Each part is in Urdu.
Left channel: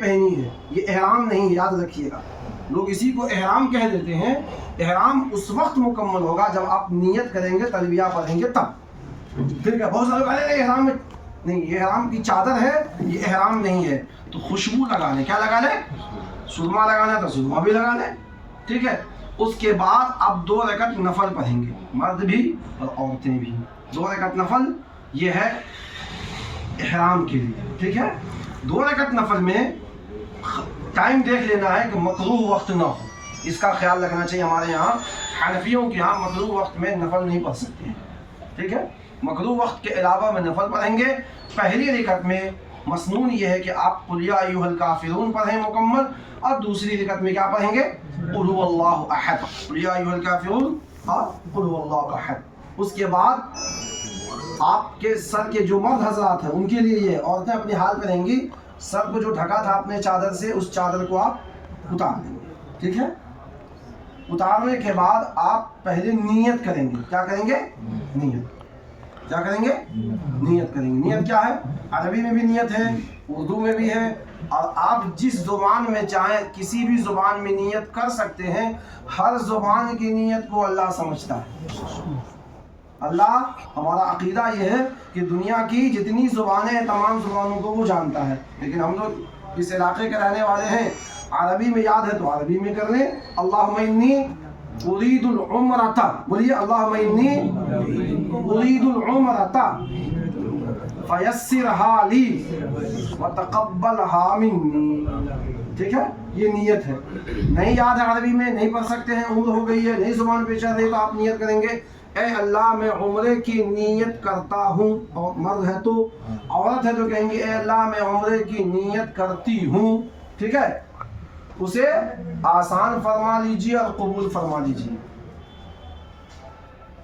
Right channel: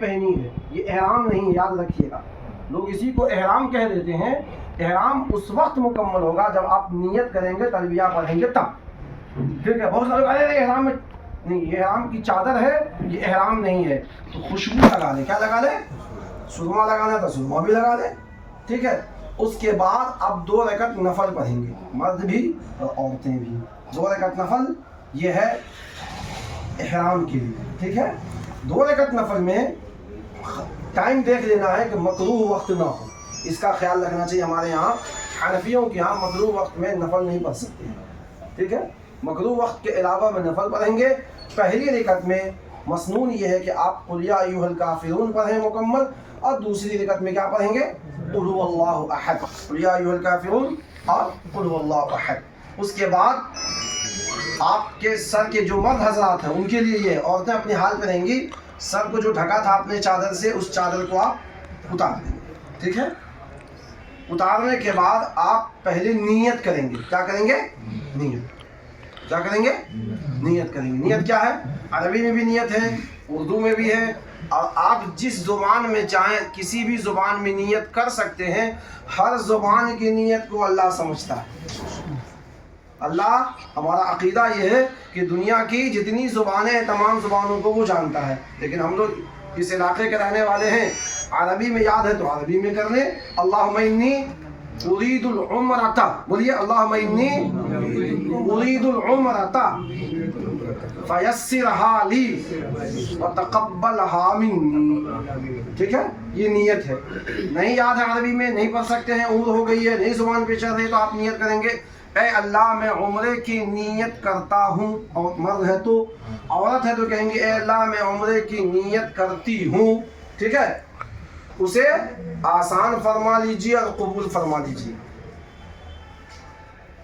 پہنی ہے، یہ احرام نہیں ہے، یاد رکھیے گا۔ لوگ اسی کو احرام کہہ دیتے ہیں۔ احرام اس وقت مکمل ہوگا جب آپ نیت کریں گے، تلبیہ پڑھیں گے تب، ٹھیک ہے؟ بہت سارے لوگ احرام میں نہیں، یہ احرام کی چادر ہے، یہ احرام نہیں ہے۔ تو خوشبو لگا لیں، کیا لگا لیں؟ سرما لگانا ہے تو سرما بھی لگا لیں، ٹھیک ہے؟ اس کے بعد اب 2 رکعت نفل پڑھیں گے، مرد بھی اور عورتیں بھی۔ 2 رکعت نفل یہ ہے احرام کے لیے، ٹھیک ہے؟ 2 رکعت نفل میں ٹائم دیکھ لینا ہے کہ مکروہ وقت نہ ہو، اس کا خیال رکھنا چاہیے۔ ہمارے یہاں حنفیوں کے یہاں مکروہ وقت میں نفل نہیں پڑھ سکتے ہیں، ٹھیک ہے؟ مکروہ وقت کے علاوہ میں نفل پڑھیں گے۔ پہلی رکعت میں مسنون یہ ہے کہ آپ قل یا ایھا الکافرون پڑھیں مکمل، اور دوسری رکعت میں کیا پڑھیں گے؟ قل هو اللہ احد، قل یا ایھا الکافرون اور قل هو اللہ احد۔ اس کے بعد آپ کے سر کے جو مرد حضرات ہیں ان کے لیے یہ، عورتیں اپنی حال پہ رہیں گی، سر کو جو ڈھکا تھا اپنے چادر سے اس چادر کو آپ اتار دیں گے، ٹھیک ہے؟ اتارنے کے بعد آپ پہلے نیت کریں گے، کیا کریں گے؟ نیت، کیا کریں گے؟ نیت کریں گے۔ نیت کیا ہے؟ عربی میں بھی نیت ہے، اردو میں بھی ہے، اور آپ جس زبان میں چاہیں کسی بھی زبان میں نیت کر سکتے ہیں۔ ہر زبان کی نیت کو اللہ سمجھتا ہے۔ اللہ، ہمارا عقیدہ یہ ہے کہ دنیا کی جتنی زبانیں ہیں تمام زبانوں کو وہ جانتا ہے، لیکن ہم لوگ اس علاقے کے رہنے والے ہیں، عربی میں یاد ہے تو عربی میں کر لیں۔ اللہم انی ارید العمرۃ، بولیے اللہم انی ارید العمرۃ فیسرھا لی وتقبلھا منی، ٹھیک ہے؟ یہ نیت ہے۔ نہیں یاد ہے عربی میں، نہیں پڑھ سکتے ہیں، عمر ہو گئی ہے، نہیں زبان پہ چل رہی، تو آپ نیت کریں گے اے اللہ میں عمرے کی نیت کرتا ہوں، اور مرد ہے تو، عورت ہے تو کہیں گے اے اللہ میں عمرے کی نیت کرتی ہوں، ٹھیک ہے؟ اسے آسان فرما لیجیے اور قبول فرما لیجیے،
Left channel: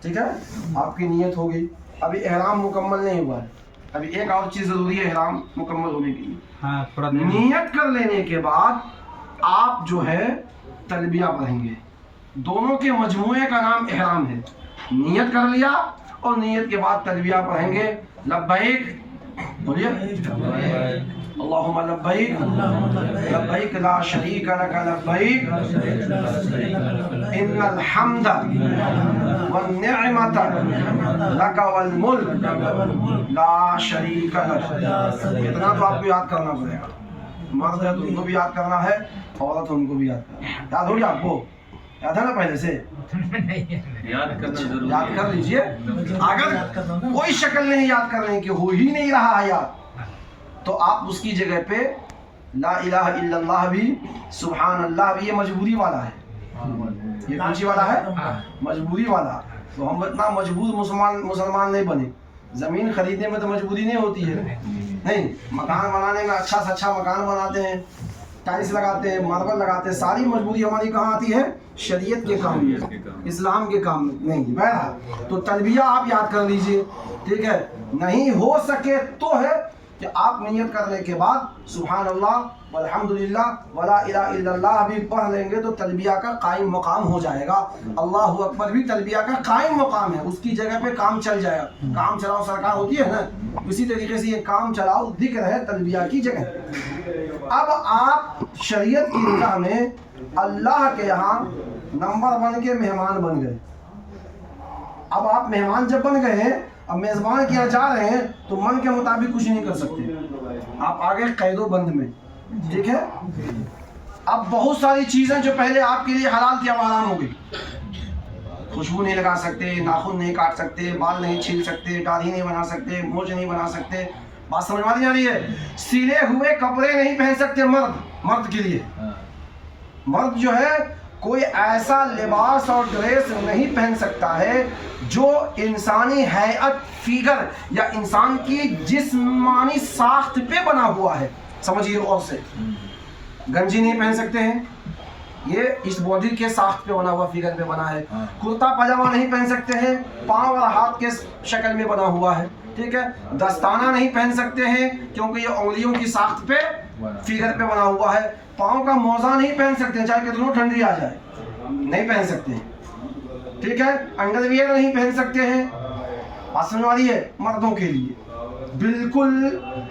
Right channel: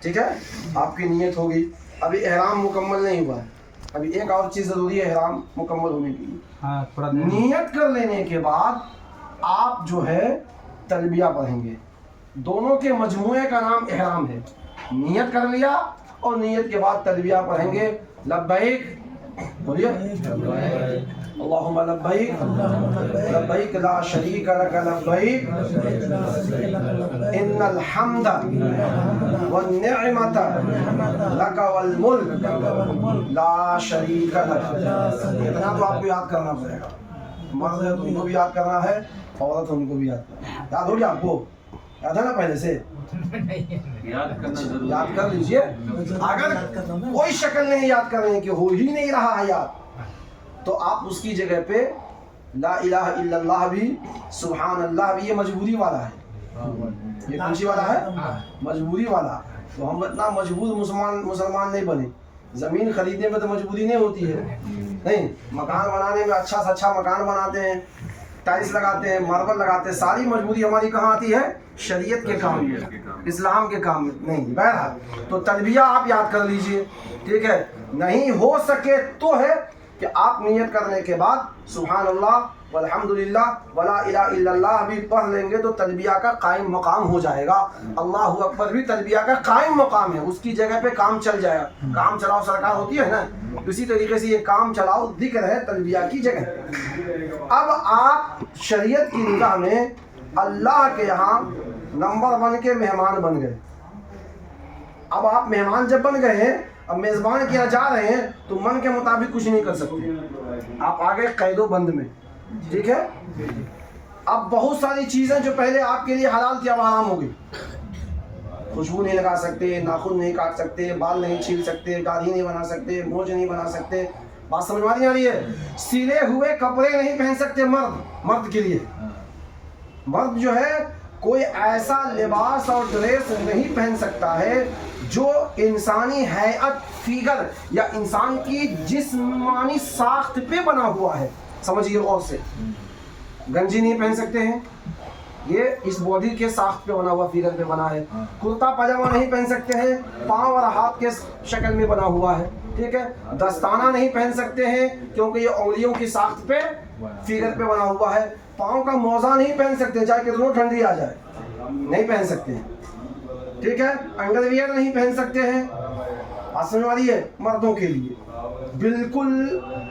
ٹھیک ہے؟ آپ کی نیت ہو گئی۔ ابھی احرام مکمل نہیں ہوا ہے، ابھی ایک اور چیز ضروری ہے احرام مکمل ہونے کے لیے۔ نیت کر لینے کے بعد آپ جو ہے تلبیہ پڑھیں گے، دونوں کے مجموعے کا نام احرام ہے۔ نیت کر لیا اور نیت کے بعد تلبیہ پڑھیں گے، لبیک، بولیے اللہم لبیک لبیک لا شریک لک لبیک ان الحمد والنعمت لک والملک لا شریک لک۔ اتنا تو آپ کو یاد کرنا پڑے گا، مرد ہے تو ان کو بھی یاد کرنا ہے، عورت ہے ان کو بھی یاد کرنا ہے۔ یاد ہو گیا آپ کو؟ یاد ہے نا پہلے سے؟ یاد کر لیجئے۔ اگر کوئی شکل نہیں یاد کرنے کی، ہو ہی نہیں رہا ہے یاد، تو آپ اس کی جگہ پہ لا الہ الا اللہ بھی، سبحان اللہ بھی، یہ مجبوری والا ہے۔ یہ کون سی والا ہے؟ مجبوری والا۔ تو ہم اتنا مجبور مسلمان نہیں بنے۔ زمین خریدنے میں تو مجبوری نہیں ہوتی ہے، نہیں، مکان بنانے میں اچھا سے اچھا مکان بناتے ہیں، ٹائلس لگاتے ہیں، ماربل لگاتے ہیں، ساری مجبوری ہماری کہاں آتی ہے؟ شریعت کے کام میں، اسلام کے کام میں نہیں۔ بہرحال تو تلبیہ آپ یاد کر لیجئے، ٹھیک ہے؟ نہیں ہو سکے تو ہے کہ آپ نیت کرنے کے بعد سبحان اللہ والحمدللہ ولا الہ الا اللہ بھی پڑھ لیں گے تو تلبیہ کا قائم مقام ہو جائے گا۔ اللہ اکبر بھی تلبیہ کا قائم مقام ہے، اس کی جگہ پہ کام چل جائے گا۔ کام چلاؤ سرکار ہوتی ہے نا، اسی طریقے سے یہ کام چلاؤ ذکر ہے تلبیہ کی جگہ۔ اب آپ شریعت کی نگاہ میں اللہ کے یہاں نمبر 1 کے مہمان بن گئے۔ اب آپ مہمان جب بن گئے ہیں، اب میزبان کے یہاں جا رہے ہیں تو من کے مطابق کچھ نہیں کر سکتے، آپ آگے قید و بند میں، ٹھیک ہے؟ اب بہت ساری چیزیں جو پہلے آپ کے لیے حلال تھی اب حرام ہو گئی۔ خوشبو نہیں لگا سکتے، ناخن نہیں کاٹ سکتے، بال نہیں چھیل سکتے، داڑھی نہیں بنا سکتے، مونچھ نہیں بنا سکتے۔ بات سمجھ میں آ رہی ہے؟ سلے ہوئے کپڑے نہیں پہن سکتے مرد کے لیے۔ مرد جو ہے کوئی ایسا لباس اور ڈریس نہیں پہن سکتا ہے جو انسانی ہیئت، فیگر یا انسان کی جسمانی ساخت پہ بنا ہوا ہے۔ سمجھیے غور سے، گنجی نہیں پہن سکتے ہیں، یہ اس باڈی کے ساخت پہ بنا ہوا، فیگر پہ بنا ہے۔ کرتا پاجامہ نہیں پہن سکتے ہیں، پاؤں اور ہاتھ کے شکل میں بنا ہوا ہے، ٹھیک ہے؟ دستانہ نہیں پہن سکتے ہیں کیونکہ یہ انگلیوں کی ساخت پہ، فیگر پہ بنا ہوا ہے۔ پاؤں کا موزہ نہیں پہن سکتے چاہے کتنی ٹھنڈی آ جائے، نہیں پہن سکتے ہیں، ٹھیک ہے؟ انڈر ویئر نہیں پہن سکتے ہیں۔ بات سمجھ آ رہی ہے؟ مردوں کے لیے بالکل